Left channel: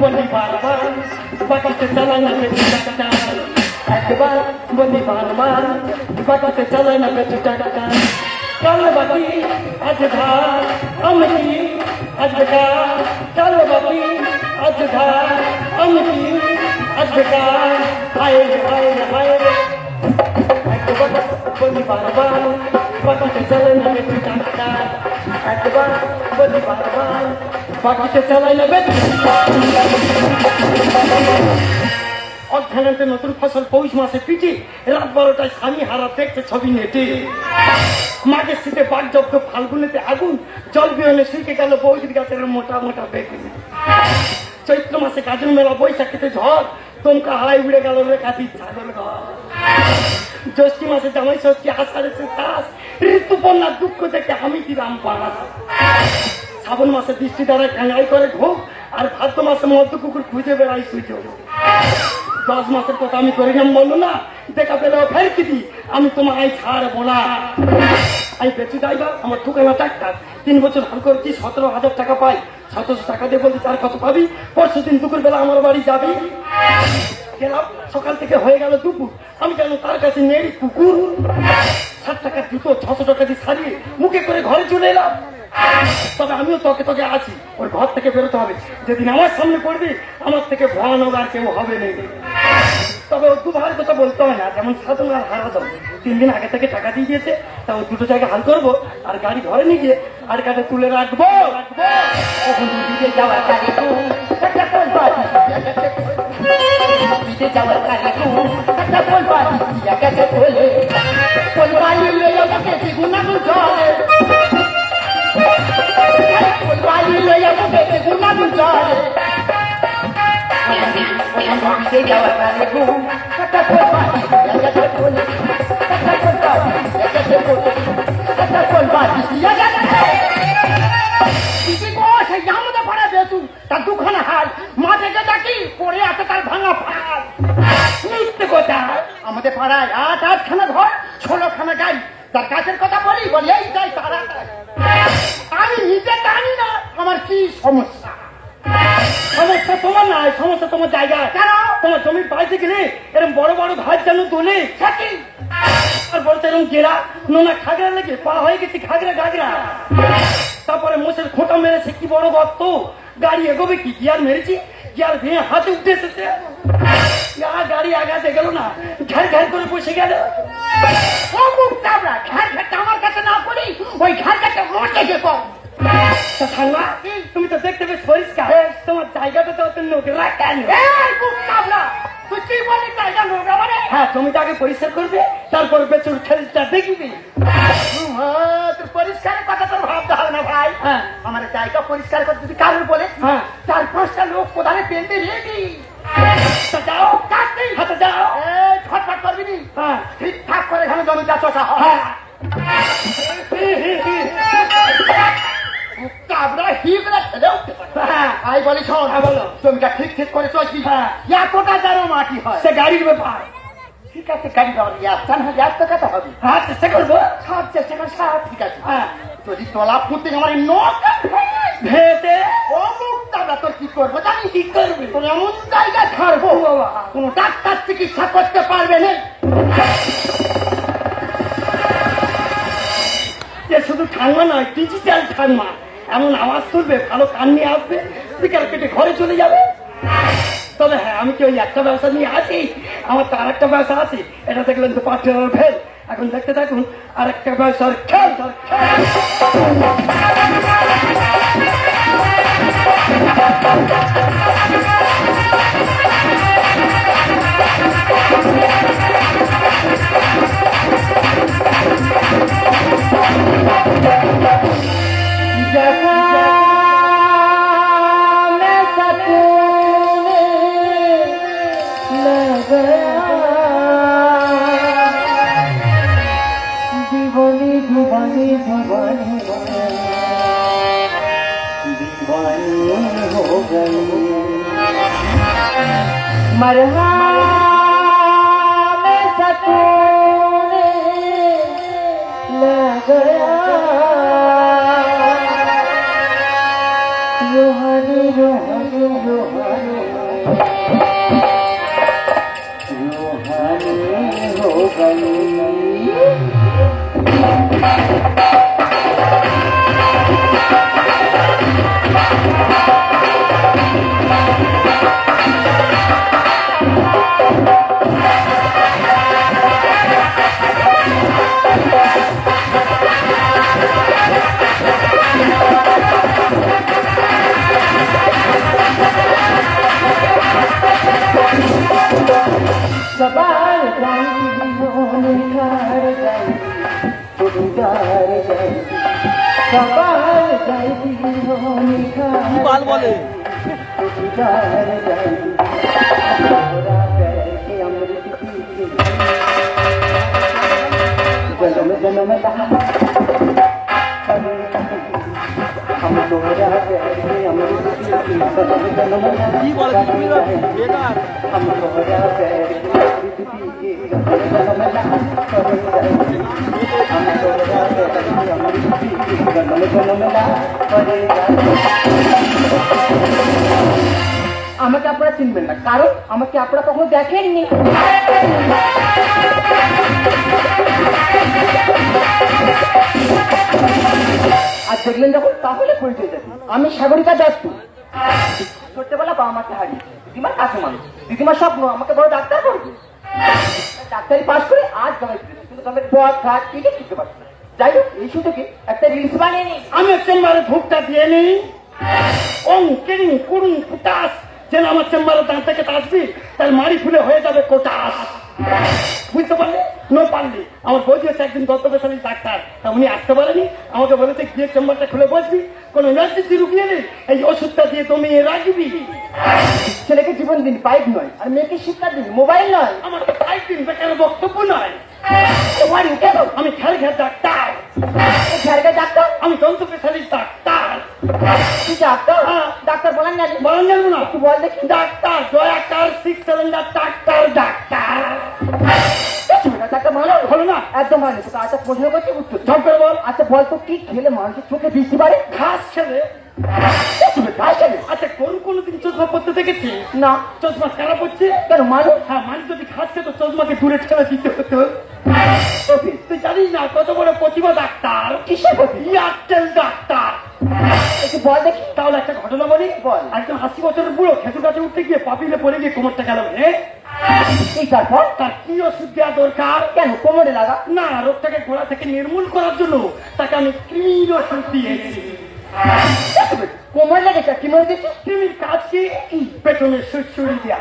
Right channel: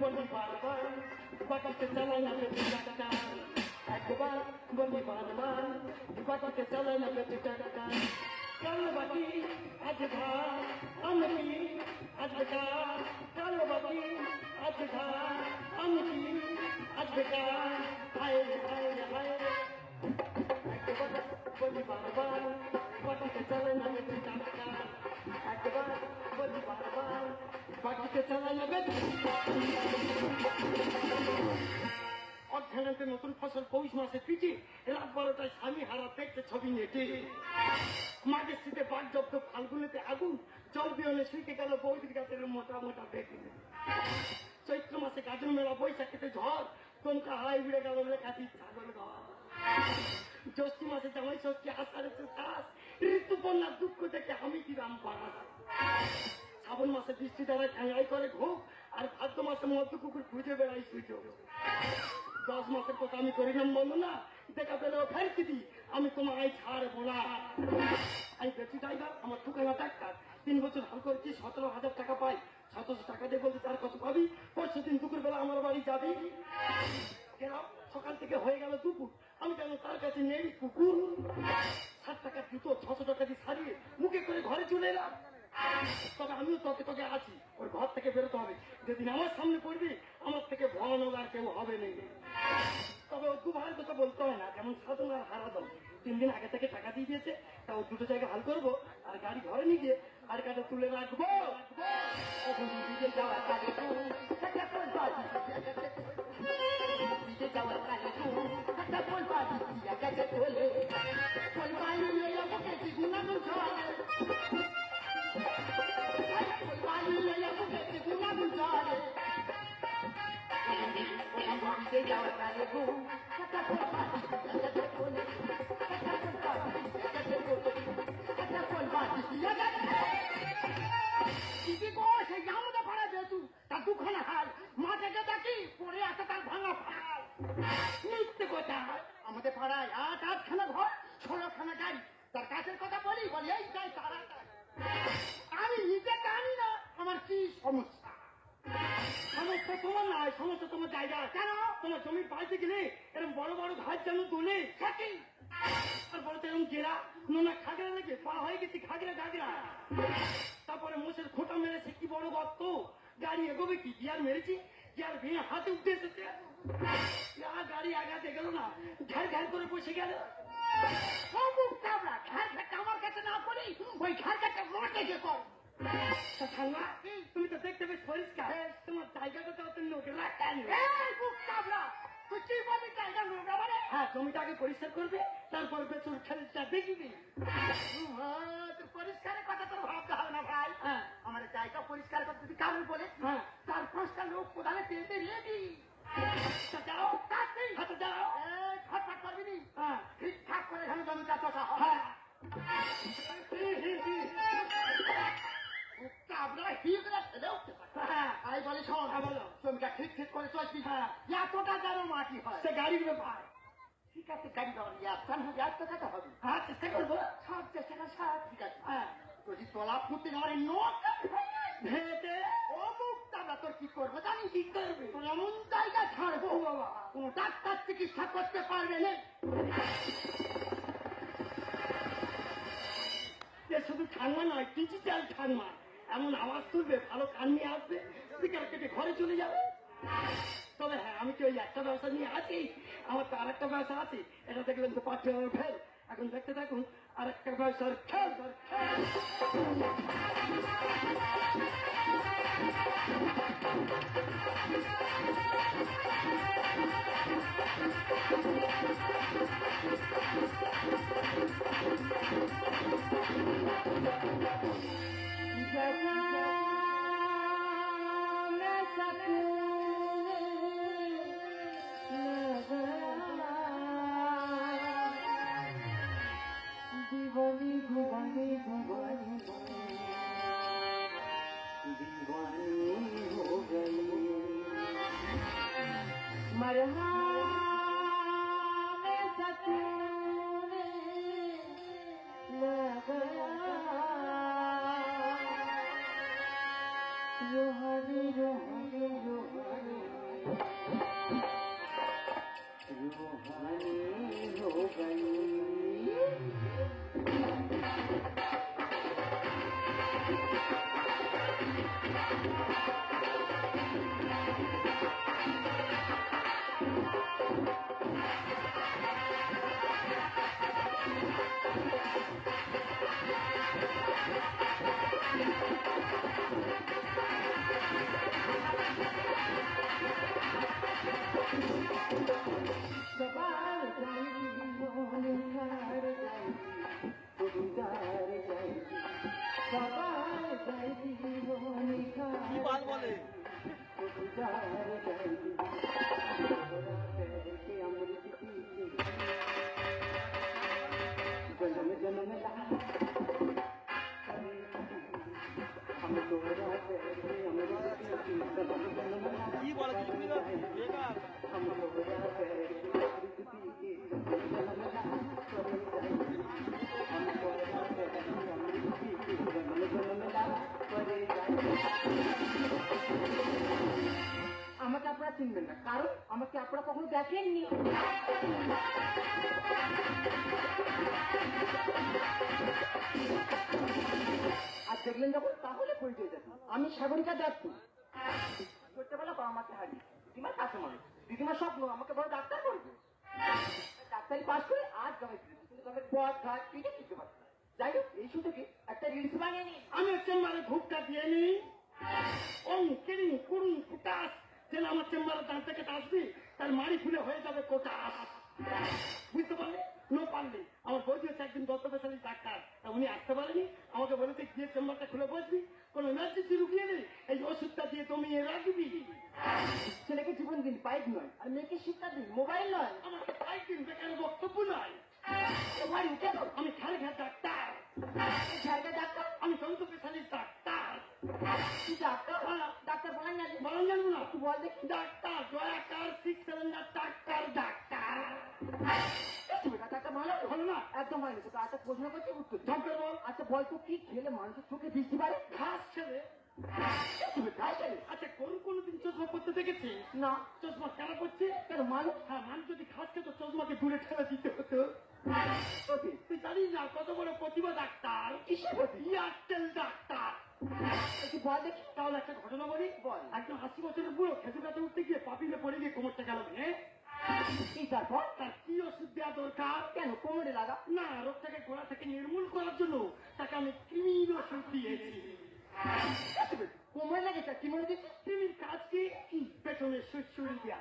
বলি বারবার বাকিতে চালায় না বেশি টাকা একবার বলি বারবার বাকিতে চালায় না বেশি টাকা কাল বাকি আজ ধার আমি কি আজ বেকার কাল বাকি আজ ধার আমি কি আজ বেকার হায় রে হায় রে হায় রে একবার বলি বারবার বাকিতে চালায় না বেশি টাকা একবার বলি বারবার বাকিতে চালাই না বেশি অর্থায়নে নতুন ফসল পৌষ মাসে পিঠে রাত 12টায় স্বামী হারা দেখছে ছবি নেটে মাঘের শীতে বাঘ জব্দ ফাল্গুনেতে আগুন জল বিহনে শুকে গেল বৌদির গাছের মোটা মোটা বেগুন চৈত্র মাসে গাজন মেলা বৈশাখীতে ঝড় তোমকা হারাই উড়ে গেল রেখাতি ছাগল ঘর জ্যৈষ্ঠী মাসে জামাই ষষ্ঠী আষাঢ়ে চাষ ঋতুপর্ণার দুঃখ দেখে আমি দিলাম পাস শ্রাবণ মাসে বৃষ্টি দ্বারা কাঙাই করে ঢোক আর ভাদ্র মাসে মধ্য কুকুর খুঁজে বেড়াই সুযোগ 10 মাসের কথা আমি করিলাম বললো না দেখা পেলেও ফের কি দি আমি তোমায় ছাড়বো না আমি বেশি ড্রাইভার আমার ঠুকানা ডাক্তার 3 বছর হাল করেছি 17,000 টাকা পাই 700 টাকা দিয়ে বলছি তার কত পাবি পরশু দিন দুপুর বেলা আমার বাড়ি যাবি গেলাম সকাল থেকে হয়ে গেল দুপুর আমি জানো তার কাছে নেড়ি কুকুর 60 টাকার জুতো 600 টাকা দিয়ে সারিয়ে মুখে করে ঘরে চলে এলাম তবে আমিও তোকে তোকে আছি ওর ঘর থেকে বেরোতে হবে যেদিন আমার সামনে পড়বি আমার থেকে ভয়ানক আর কেউ হবে না তবে ও দুভার কথা বলতে হয় না যেমন সাধন আর হারাদম 3 দিন আগে থেকে টাকা দিয়ে দিয়েছে তা ও দুটো জায়গায় হাল করবো আর গাড়ি ঘরে নিয়ে গিয়ে আর কাটে তুলে রাখবো যাওয়ার কাজে তার দুখানা হাল মাঠে ডাকি পড়ে আছে তার ভাঙা ফাল মিথ্যে কথা আমাদের পাড়ায় 8-8খানা ঘর 16খানা গাড়ি তার কাছের কথা বলি এই যাই তারা আমি নিজে জানি না আমার কি সমস্যা সমস্যা তোমার নাই সমস্যা তোমার জায়গা কেন তোমার জমির বাড়িতে গেলে এরকম বড় বড় ঘাস যেন তোলে আর বলতে এরকম গেরা নোনা খাগড়া লেগে পা হয়ে গেছে খাগড়া গাগড়া তারপরে মোষের খোঁটা মেরেছে কি বড় গর্ত গাড়ি এগোবে কি গিয়ার মেরেছি গিয়ার ভেঙে হাতে উঠে এসেছে গাড়ি আগাতে গেল না ঘ্যার ঘ্যার করে বসে গেল আমার কাছে না পড়ি ওই ঘাটটা মোটে যেত তুমি তো দেখতে বেশ পরিষ্কার তোমার জায়গাটা তো নোংরা কেন তুই কি বলি জায়গা নোংরা মানে হ্যাঁ তুমি তো আগে পরিষ্কার করবে তারপর বেচুর খেলটা দেখবি পরিষ্কারের কথা তোর ভাবতে হবে না ভাই আমার জায়গা পরিষ্কার করতে যদি কারোর বলে 4-5টা লোক কোথায় পেনতে রেডি যাও হাতে যাও ছটফট করবি নি ঠিকঠাক করে এখানে জমিটা চষা হয় জমিটা ঠিক ঠিক করে চলবি এতটা যেন মাটি হয় সে গাড়ির ব্যাপার ঠিক আছে গাড়ি যাওয়ার টাকাটা হবে হ্যাঁ চেষ্টা করবো সব চেষ্টা করে সব ঠিক আছে যদি তলা ফুটতে আমার ভেতে তোর কি করবো জানি কি করবি তোর এমন জায়গা ছাড়বো কোন ডাক্তার চিকিৎসা করতে পারবে না শুধু ঠান্মা নয় ডিজিটাল ঠান্মা এমন আওয়াজ তুলবে ভালো কান নিয়ে আসবে স্পিকার কেটে ঘরে চলে যাবে তবে হ্যাঁ আমি কি ওই একটা ব্যবসা নিয়ে আছি আমার তো আর একটা ব্যবসা আছে এটা দেখলেন তো পার্টনার ফেল এখন দেখতে থাকুন আর একটা ব্যবসার খেল मरहा में सकून लग गया यूं हर বাল বলে কি বলে বেকার আমাকে আপনারা চিনবেন না, কারণ আমাকে আপনারা কখনো দেখেননি। আর দেখলেন যখন তাহলে পরিচয় দেবেন। আমি সাগরিকা দত্ত। ছোট্টবেলা বাবা মাকে হারিয়েছি, দিদিমার কাছে মানুষ। দিদিমার স্বপ্ন আমাকে বড় ডাক্তার করবে। ডাক্তারি পাস করে আজ জমাই ফিরেছি, কিন্তু তবে পথ ঘাট টিকে শিখতে পারছি না। যাই হোক, এই সুযোগে একটা রিলস বানিয়ে নিই। আমি চেম্বারে ভুকটা দিয়ে নিই। ওং কিং কুড়ুং ফুটাস, যেন আমার চেম্বারে দাঁত থেকে আসবি তার মারি ফুলে হয়ে যাবে কোটাস। বুঝতে পারলি? নো পারলি। আমার বই দিয়েছে একদিন গন্তব্যশালী ডাক্তার, তা উনি আসতে পারেনি। আমাকে বলেছে গিয়ে চেম্বারটা খুলে বসবি, কোনো ইমার্জেন্সি রুগিয়ে নেই, এই ওষুধটা দিয়ে দমিয়ে রাখবি। ছেলেকে জীবন দিন, পাইপ নয়। আর মেয়েকে শিক্ষা দিন, মোবাইল নয়। আমার তো পাইপ দিন বেকার বক্তব্য নয়। আমি খেয়াল ডাক্তার। ঝাড়খা ডাক্তার? আমি গন্তব্যশালী ডাক্তার। তুই ডাক্তার? হ্যাঁ। ডাক্তার বলেন না? বলেন জানবো না? একটু বল দেখি। ডাক্তার দয়াকার 6 সিলিন্ডার ডাক্তার ডাক্তার। ডাক্তার ভালো হলো না? একদম ভালো। তোকে আচ্ছা প্রশ্ন করছি, উত্তর ঝপ করে বল। আচ্ছা বল তো, কি খেলে মানুষের চোখে বৃষ্টি পারে? ঘাস ছেলে। ঘাস খেলে? আচ্ছা কোনদিন চশমা পড়তে দেখেছি? না। চশমা খারাপ হচ্ছে কেন? মানুষ? হ্যাঁ, মানুষ যদি ঘাস খেত চশমাকে দূরে ঠেলে দিতে হতো। তুই জানিস না কত বড় প্রতিভা ডাক্তার? কিসের প্রতি? Airtel doctor. একটু বল দেখি। তাহলে একটা ঘটনা বলি। বল। একজন 80 বছরের বুড়ো খেজুর গাছে উঠতে গিয়ে পাপিলে পড়ে গিয়ে কোমরটা গেল। তারপর তার কি ওষুধ দেওয়া দরকার? কেন কোমরে লাগা? না, রোগটাকে গোড়া থেকে নির্মূল করার জন্য তাকে আমি কৃমির ওষুধ দিয়েছি। কোমর লেগেছে? কি মনে দিচ্ছি? কৃমির কাজ কি? পেটনে সুড়সুড়ি দেওয়া।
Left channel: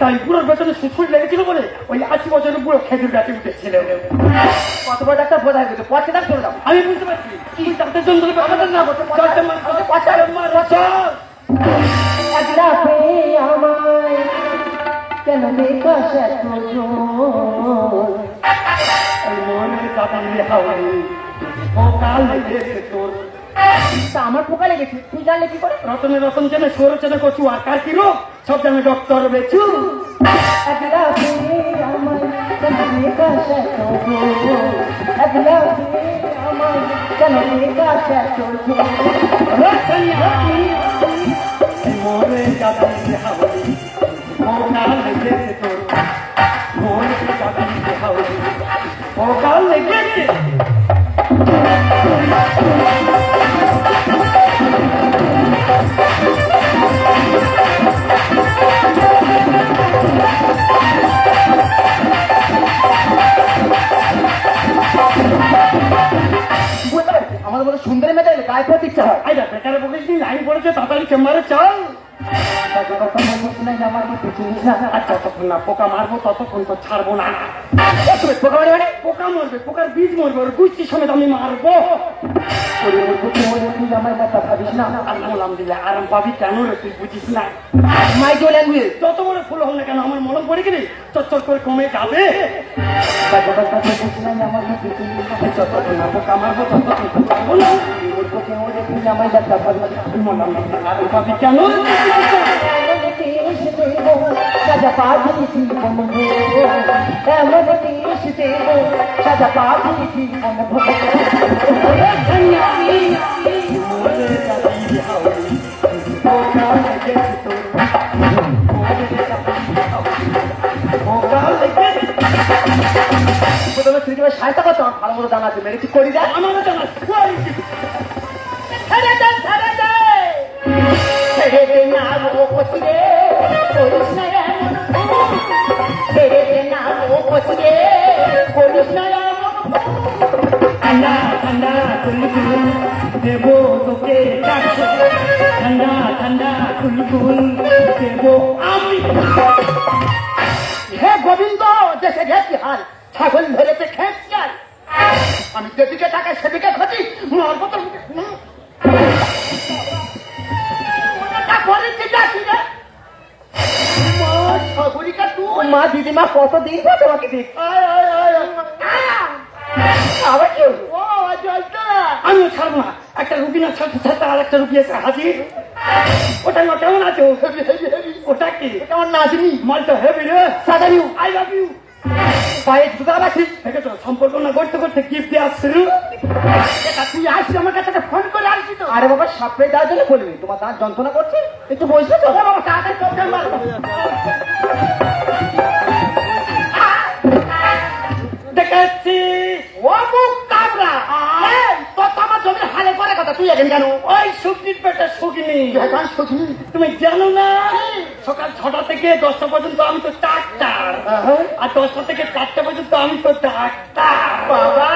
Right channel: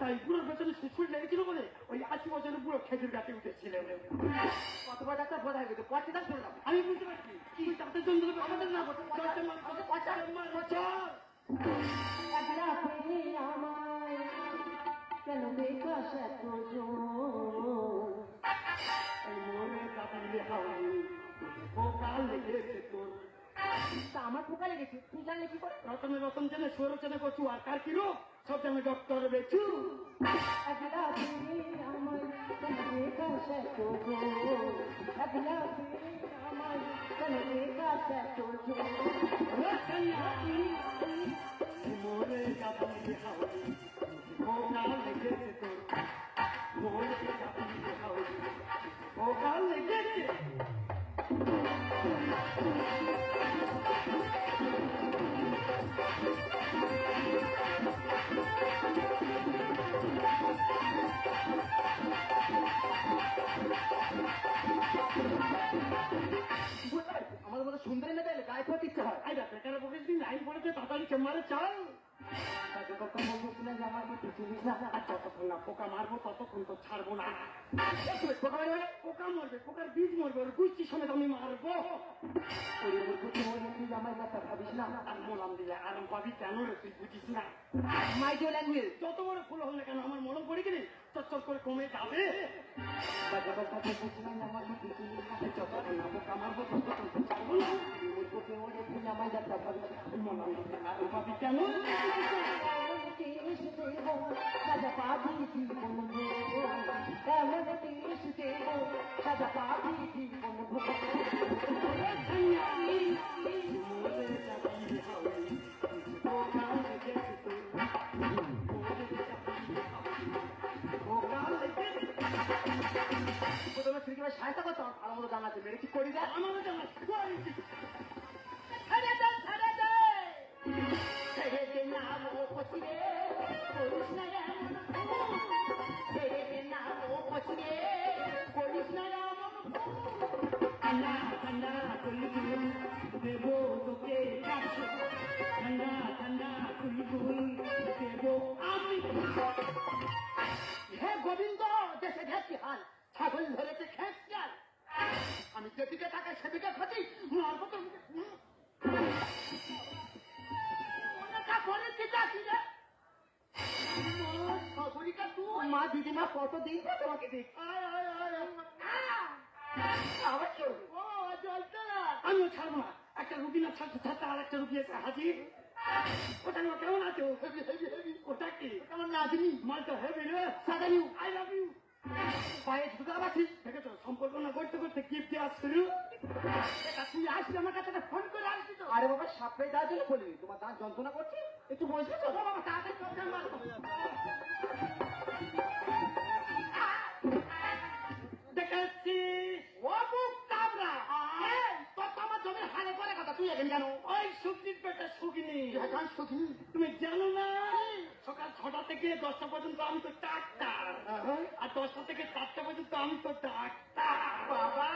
তাই বুড়োর পেটনে সুড়সুড়ি লেগেছিল বলে ওই 80 বছরের বুড়ো খেজুর গাছে উঠেছিল। কত বড় ডাক্তার বোঝাই গেছে, পচে দাম করে দাও। আমি বুঝতে পারছি তুই ডাক্তার জন্য আমাদের না বলতে আমায় কেন দেখাস এত মনে যাবি হাওড়ি সকাল লেগেছে তোর। তা আমার পোকা লেগেছে, তুই জানলে কি করে? রতনে রতন চেনে সৌর চেনে কচু আর কার কি রোগ সব জানে ডক্টর বেচু। মনে যাবি হাওড়ি সকাল লেগেছে তোর। মনে যাবি হাওড়ি সকাল লেগেছে। আমাদের মতো সুন্দরী মেয়েদের গায়ে পড়তে ইচ্ছা হয়। আইডা বেকারে বলিস নি লাইন পড়েছে তাড়াতাড়ি চেম্বারে চল। আচ্ছা তখন না পোকা মারবো ততক্ষণ তো ছাড়বো না। পোকা মানে মানে পোকা মরবে, পোকার বীজ মরবে, ওর গুষ্টি সমেত আমি মারবো। আমার কথা ভাবিস না। আল্লাহ দিলে আরাম পাবি কেন রে তুই বুঝিস না? মাইক্রো ল্যাঙ্গুয়েজ যত বড় ফুল হল না কেন আমার মলম পড়ে গেলে চচ্চর করে কমে যাবে। যতক্ষণ না পোকা মারবো ততক্ষণ তো ছাড়বো না। আরাম পাবি কেন? সাজা পাখি জীবন এমন দেশ দেব, সাজা পাখি জীবন মরে যাবি হাওড়ি পোকা লেগেছে তোর পোকা লেগেছে প্রথমে ক্রিকেটে সাহায্য করতে আমার ভালো মতো জানা আছে মেরে ঠিক করি দেয় আমার জানা ছেড়ে দে ছেড়ে দে ছেড়ে দে না ও কচি রে করিস না এমন ভুল। ছেড়ে দে না ও কচি রে করিস না এমন ভুল। ঠান্ডা ঠান্ডা কুলকুল দেবো তোকে ডাকছে ঠান্ডা ঠান্ডা কুলকুল দেবো আমি হে গোবিন্দ দেশে ঘেছি হাল ছাগল ধরেছে খেঁচিয়াল আমি যেদিকে তাকাই সেদিকে ক্ষতি মার মতো মা দিদিমা কতদিন পর তোমাকে দেখ আবার কি হলো? আমিও ছাড়বো না একটা রুগী না ছাড়তে ছাড়তে আর একটা রুগী এসে হাজির ওটা না কেমন আছো ওটা কি এটা আমার নাতনি মালটা হেভি রে সাদানি আই লাভ ইউ পায়ে জুতা রাখি দেখেছো সম্পর্ক না করতে করতে গিফট দেওয়া শুরু এটা তুই আসছিস আমার কাছে ফোন করে আসছিস তো আরে বাবা সাপড়ে দেওয়ার জন্য বলবি তোমার দাঁত যন্ত্রণা করছে একটু বসবে তো বাবা তাড়াতাড়ি চোখে মারো দেখাচ্ছি ও মুখ কাবরা এই তো তোমার জমি হালে করে কথা তুই এখন কেন ওই শুকনির পেটে শুকনি এখন শুনি তুমি জানো না সকাল 6টা থেকে 10টা পর্যন্ত আমি তো ডাক্তার আর 10টা থেকে 4টা পর্যন্ত আমি তো ডাক্তার বাবা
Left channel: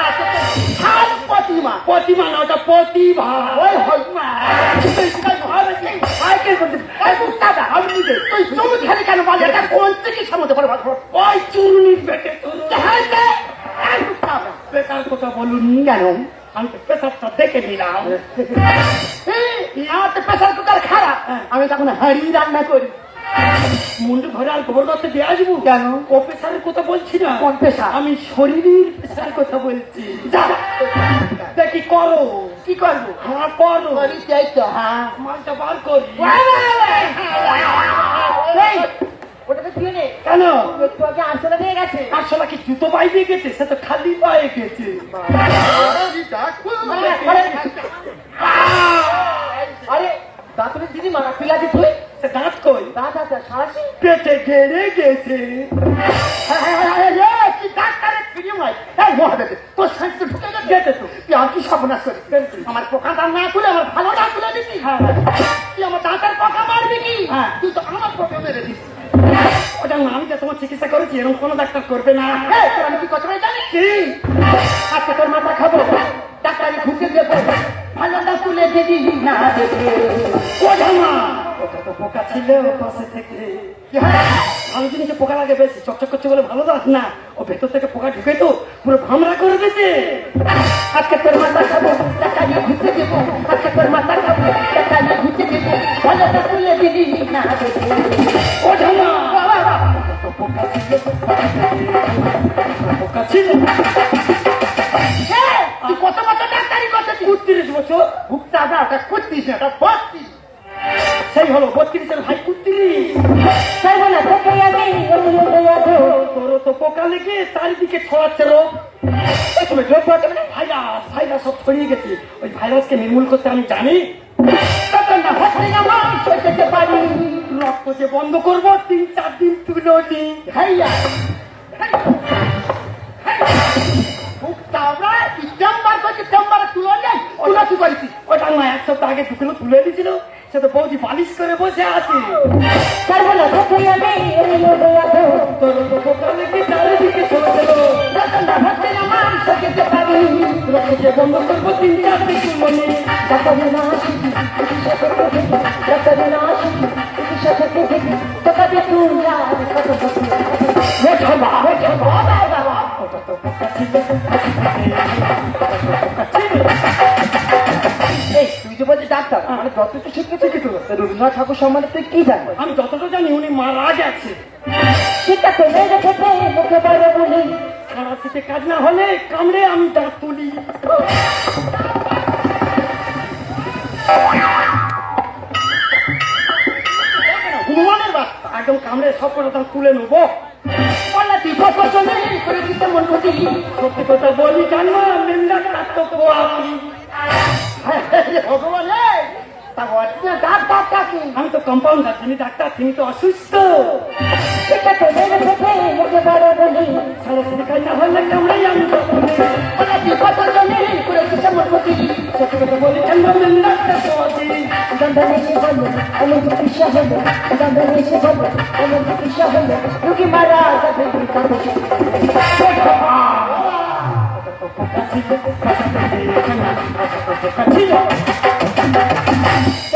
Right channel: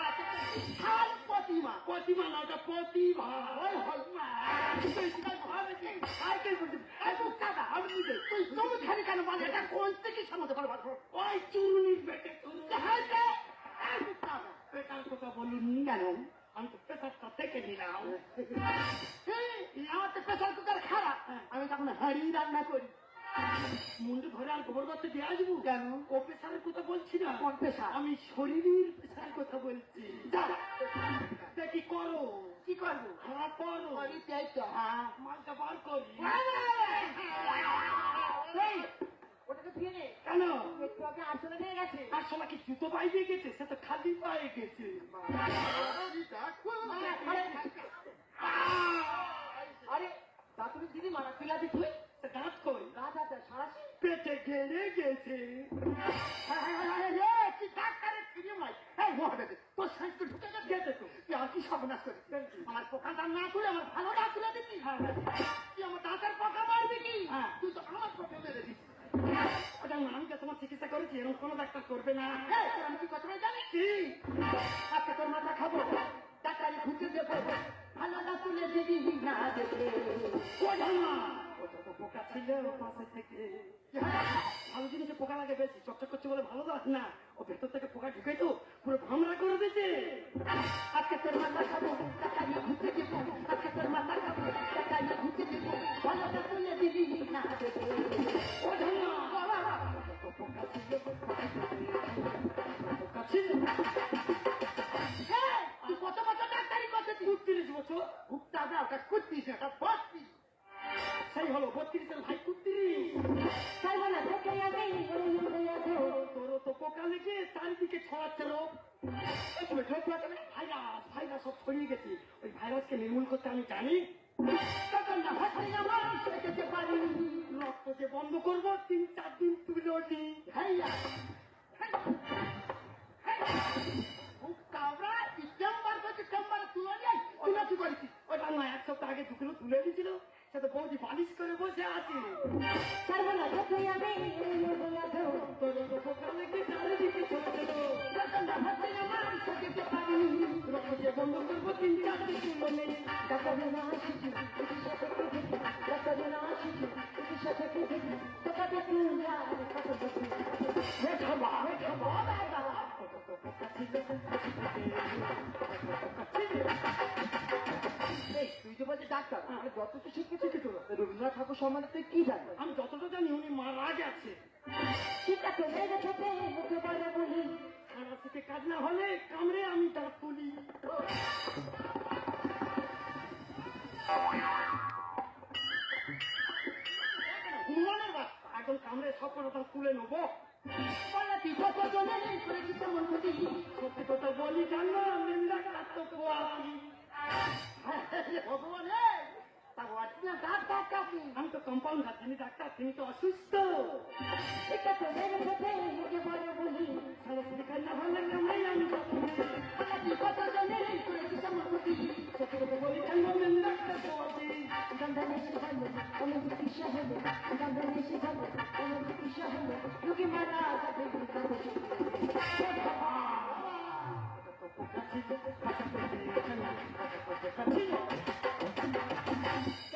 ছাল প্রতিমা প্রতিমা না ওটা প্রতিভা ওই হই মা সাইকেল করতে এই মুক্তাদা আমি নিজে তুই জমি খালি কেন বল এটা কোন চিকিৎসা মধ্যে পড়ে ভালো ওই চুরুনির পেটে চুরুনি এই মুক্তাদা বেকার কথা বলুন কেন আমি তো পেশাবটা দেখে নিলাম আমার তো প্রেসার কুকার খারাপ আমি তখন হাড়ি রান্না করি মুন্ডু ঘরে আর গোবর করতে দিয়ে আসবো কেন? ও পেশারের কথা বলছি না কোন পেশা? আমি শরীরের পেশার কথা বলছি যা দেখি করো কি করবো হ্যাঁ করো করি চাই তো হ্যাঁ মালটা বার করি এই, ওটাকে দিয়ে নে কেন একটু আগে আনসারে নিয়ে গেছে আসলে কি জুতো পায়ে গেছে সে তো খালি পায়ে গেছে আরে দাঁতনের দিদি মারা পিলাছি তুই সে দাঁত কই দাঁত আছে সারাশি পেটে গেড়ে গেছে কি ডাক্তারের ফিরে নয় এই মহাদেব তোর শান্তি ঢুকে গেছে তো তুই আর কি সর্বনাশ করিস আমার পোকা দাঁত না তুলে আমার ভালো দাঁত তুলে দিচ্ছি তুই আমার দাঁতের পোকা মারবি কি হ্যাঁ। তুই তো আমার পোকা মেরে দিস ওটা না আমি যে তোমার চিকিৎসা করেছি এরকম কোনো ডাক্তার করবে না আমি কি কথা জানি কি আজকে তোর মাথা খাবো ডাক্তারি ঢুকে দেবো ভালো দাঁত তুলে দিবি না দেখে ও জামা ওটা তো পোকা ছিল পাশে থেকে আমি জিনিসে পোকা লাগে বেশি চকচক করছে বলে ভালো দাঁত না ও ভেতর থেকে পোকা ঢুকে তো পুরো ভামরা করে দিয়েছে আজকে তোর মাথা খাবো ডাক্তারি ঢুকে দেবো আজকে তোর মাথা খাবো ডাক্তারি ঢুকে দেবো ভালো দাঁত তুলে দিবি না দেখে ও জামা বাবা পোকা ছিল তুই কত বছর ডাক্তারি করতেছিস 32 বছর ভুক্তা না ওটা করতিস না ওটা বসতিস সেই হলো 32 ভাই 32 তাই বলে তোকে আমি তোর তো পোকা লেগে চারিদিকে ছড়াচ্ছে রোগ তুমি জোর করতে মানে ভাইরাস ভাইরাস সব ছড়িয়ে গেছে ওই ভাইরাসকে নির্মূল করতে আমি জানি তখন না হচ্ছে না আমি সইতে পারি রক্ত যে বন্ধ করবো 3-4 দিন তুলো নি ভাইয়া ভুক্তা আমরা চেম্বার করছি চেম্বারে তুলো নেই তুলো কি করেছিস ওটা না 1 সপ্তাহ আগে ঢুকলো তুলে দিয়েছিল সে তো বৌদি বালিশ করে বসে আছে তার বলে তোকে আমি তোর তো পোকা লেগে চারিদিকে ছড়াচ্ছিল তখন না হচ্ছে না আমি সইতে পারি রক্ত যে বন্ধ করবো 3-4 দিন তুলো নি ডাক্তারি না শিখি ডাক্তারি না শিখি চিকিৎসা থেকে দেখি তোকে তুই কত বছর বাবা ওটা তো পোকা ছিল এই তুই যে বলছিস ডাক্তার মানে যতটুকু শিখেছি কি তোর রবীন্দ্রনাথ ঠাকুর সম্বন্ধে তুই কি জানিস আমি যতটা জানি উনি মারা গেছে সেটা তেলে রেখেছে মুখে পারে বলি সারা শীতে কাজ না হলে কামড়ে আমি দাঁত তুলি হনুমানের বাচ্চা একদম কামড়ে সব করে দাঁত তুলে নেবো বললা তুই কত চলে করে দিতে মন করছি সত্যি কথা বলি জানো নিন্দা কাটতো আমি ভগবান তা বলছি ডাক্তার কাকে? আমি তো কম্পাউন্ডার, যিনি ডাক্তার তিনি তো অসুস্থ। সেটা তো জেনে থেকে মুখে বড় বলি সারা শিখাই না হলে কামড়াই আমি ওটা কি কত জনে করেছে আমার প্রতি সত্যি কথা বলি কেন বললেন ডাক্তার সমাজে দন্দন এসে বলল আমার চিকিৎসা হলো দন্দন এসে বলল আমার চিকিৎসা হলো রুগী মারা যাবে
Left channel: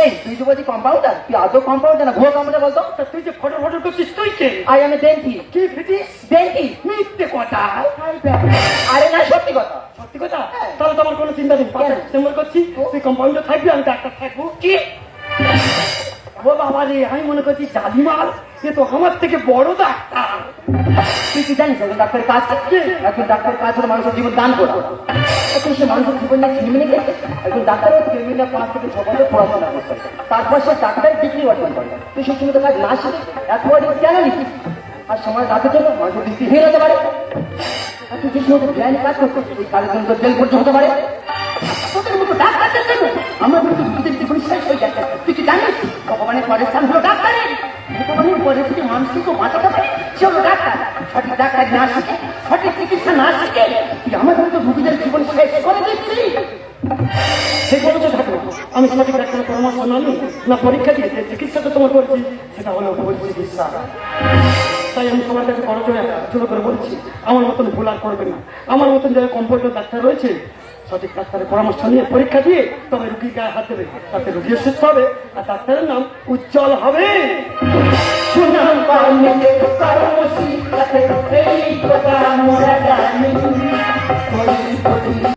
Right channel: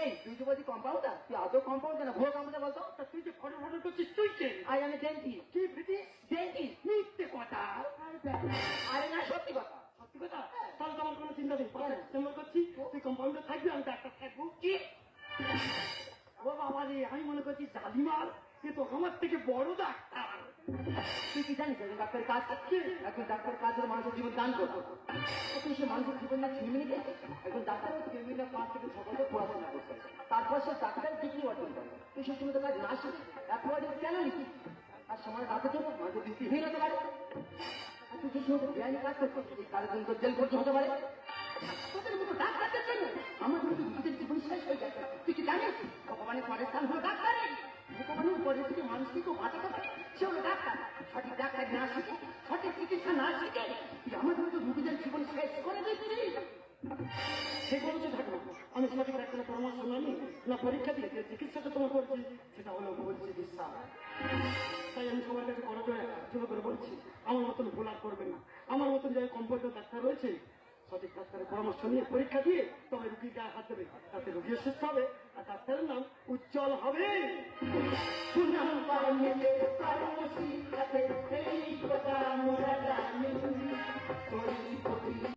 এই তুই তো বলছি কম্পাউন্ডার, তুই আদৌ কম্পাউন্ডার না ভুয়ো কম্পাউন্ডার বলতো? তুই যে ফটো ফটো করছিস তুই কে? আই আমি দেনকি কি ফিটিস দেনকি মিথ্যে কথা। আরে না সত্যি কথা। সত্যি কথা? তাহলে তো আমার কোনো চিন্তা নেই, পাশে ডিসেম্বর করছি, তুই কম্পাউন্ডার থাকবি আমি ডাক্তার থাকবো। কি ও বাবা রে, আমি মনে করছি জালিমাল, এ তো আমার থেকে বড় ডাক্তার। তুই কি জানিস একজন ডাক্তারের কাজ কি? একজন ডাক্তারের কাজ হলো মানুষের জীবন দান করা। এখন সে মানুষের জীবন নিয়ে ছিনিমিনি গেছে। একজন ডাক্তারের ছেলেমেয়েরা 5 থেকে 6 বছর পড়াশোনা করতে হয়। তারপর সে ডাক্তারের ডিগ্রি অর্জন করে। তুই সেই সময় কাজ না শিখে এত বড় কেন নিচ্ছিস? আর সময় রাতের জন্য মানুষের দৃষ্টি হয়ে যেতে পারে। আর তুই যে সময় জ্ঞান কাজ করছিস এই কাজের জন্য জেল পর্যন্ত হতে পারে। তোদের মতো ডাক্তারদের জন্য আমরা কিন্তু দুধের জীবন শেষ হয়ে যাচ্ছে। তুই কি জানিস ভগবানের পরের স্থান হলো ডাক্তারের। ভগবানের পরে যদি মানুষকে তো বাঁচাতে পারে সে হলো ডাক্তার। সঠিক ডাক্তার না শিখে সঠিক চিকিৎসা না শিখে তুই আমাদের মতো রোগীদের জীবন শেষ করে দিচ্ছি। সে বলতে থাকো আমি সঠিক ডাক্তারের পরামর্শ না নিই, না পরীক্ষা দিয়ে যে চিকিৎসাটা তোমার করছি সেটা হলো ভুল চিকিৎসা। তাই আমি তোমার কাছে বড় জোর করে বলছি আমার মতন ভুল আর করবে না। আমার মতন যারা কম্পাউন্ডার ডাক্তার রয়েছে সঠিক ডাক্তারের পরামর্শ নিয়ে পরীক্ষা দিয়ে তবে রুগীর গায়ে হাত দেবে, তাতে রুগী সুস্থ হবে আর ডাক্তারের নাম উজ্জ্বল হবে। সুনাম পাওয়া